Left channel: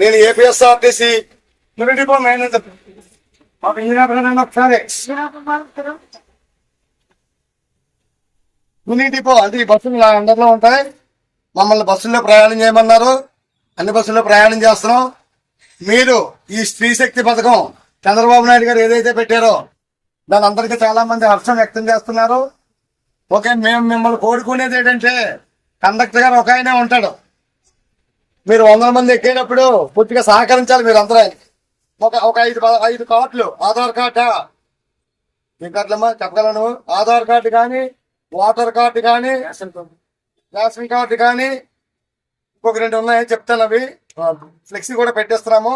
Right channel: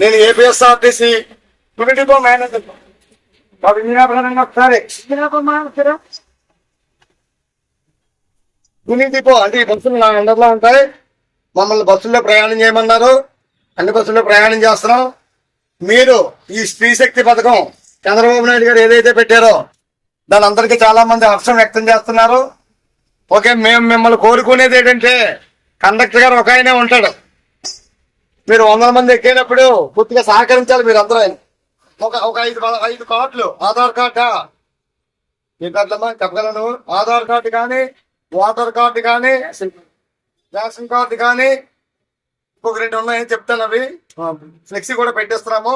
నేను APSRTC depot manager. మాకు engineer ఒకసారి తుని డిపో అంటే ఈ బస్సులు నా అండర్లో ఉంటాయి. మమ్మల్ని బస్సుల్లో ప్రయాణం చేయమన్నారు. అన్ని బస్సుల్లో ప్రయాణం చేస్తున్నాం. మీరు ఈ స్త్రీ శక్తి పథకం చంద్రబాబు నాయుడు గారు ఏదైతే పెట్టారో దాని అందరికీ చాలా మంది హర్షం వ్యక్తం చేస్తున్నారు. ఓకే, మేము మిమ్మల్ని కోరుకునేది ఏంటంటే కండక్టర్ గారు ఒక ఆయనే ఉంటాడు. మీరు 100 మంది ఎక్కేటప్పుడు పూర్తిగా సహకరించాలి. మీరు అందరూ ఒక 5 కార్డులు, ఆధార్ కార్డా ఏ కార్డులమ్మా చెప్పగలను? ఆధార్ కార్డు కానీ, ఓటర్ కార్డు కానీ, రేషన్ కార్డు కానీ, ఇంకొక 2 ఉన్నాయని చెప్తాను. అవి ఫ్లెక్సీ కూడా పెట్టేస్తున్నాము.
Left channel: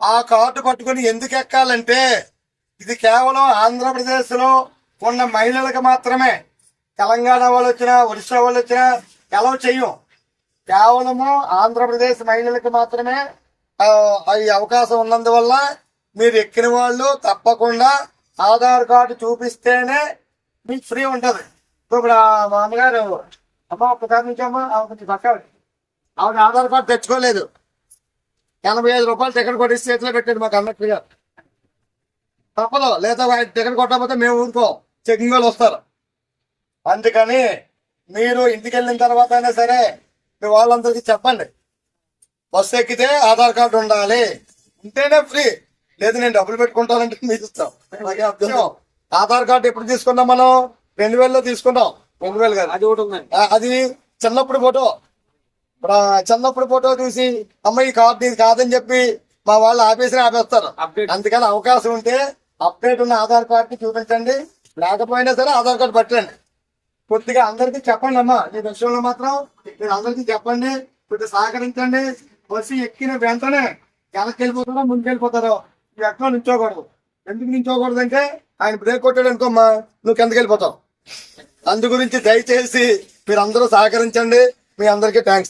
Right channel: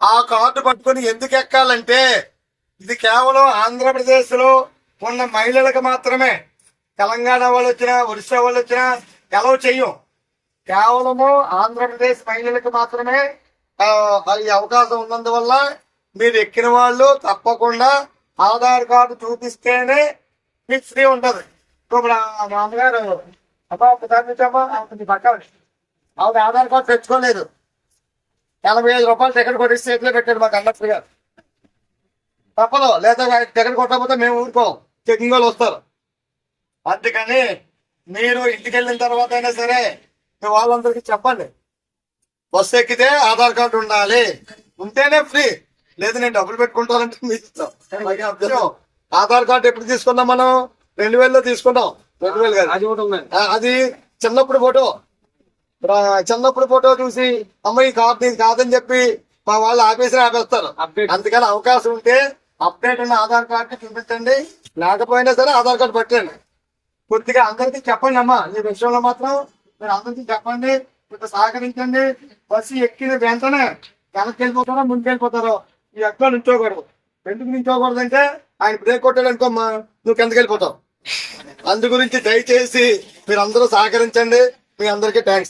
ఆ కార్డు పట్టుకుని ఎందుకు ఎక్కాలంటే ఇది కేవలం ఆంధ్రప్రదేశ్ లో ఉన్న మహిళలకు మాత్రమే. తెలంగాణ వాళ్ళు వచ్చినా, ఒడిశా వాళ్ళు వచ్చినా ఎలవ్ చెయ్యం. కేవలము ఆంధ్రప్రదేశ్ మహిళలకు మాత్రమే ఈ అవకాశం ఉన్నందువల్ల మీరు ఎక్కిన వాళ్ళు తప్పకుండా ఆధార్ కార్డు చూపిస్తేనే మీకు ఫ్రీ ఉంటది. ఇప్పుడు మా అమ్మగారు అమ్మా ఒకసారి నుంచి అమ్మా కొంచెం పక్క ఆవిడ ఆధార్ కార్డు తెచ్చుకోలేదు. 85 రూపాయలు టికెట్ కొట్టి చేతిలో పెట్టాడు మా కండక్టర్ గారు. తప్పదు, లేదా టికెట్ కొట్టకపోతే మేము ఊరుకోం, చెకింగ్ వాళ్ళు వస్తారు. అందుకని మీరు ఇంటికి వెళ్ళిన తర్వాత అయినా సరే మీ వాళ్ళందరికీ చెప్పండి, బస్సు ఎక్కితే ఆధార్ కార్డు ఉండాలి, ఉంటేనే ఫ్రీ, లేదు నేను డబ్బులు పెట్టుకుంటానంటే మీరు ఇస్తాం. ఆధార్ కార్డు ఎప్పుడు తీసుకున్నాం మనం? 2000లో తీసుకున్నాం. 2000 కాదు, అది చిన్నప్పుడు ఫోటో. చిన్నప్పుడు ఫోటో చూసి అమ్మ ఈ కార్డు ఇది కాదని చెప్పి మా వాళ్ళు ఆపేస్తారు. అందుకని అవకాశం ఉంటే అప్డేట్ ఉన్న ఆధార్ కార్డు చూపించండి, లేకపోయినా సరే ఆధార్ కార్డు పట్టండి. కొద్దిగా అందరికీ చెప్పండి అమ్మా, ఈ విషయంలో మాత్రం మీరు అందరికీ చెప్పండి, కొద్దిగా సహకరించండి. బస్సు ఎక్కిన వెంటనే వెనక్కి వెళ్ళిపోతారో ముందుకు వెళ్ళిపోతారో ఈ ఎక్కడ నుంచోకూడదు. ఎందుకు నుంచోకూడదు అంటే ఆయన బ్రేక్ కొట్టాడు అనుకోమ్మా, నువ్వు కిందకి వెళ్ళిపోతావు. అందు గురించి దయచేసి మీరు అందరూ సహకరించండి. మీ అందరికీ థ్యాంక్స్.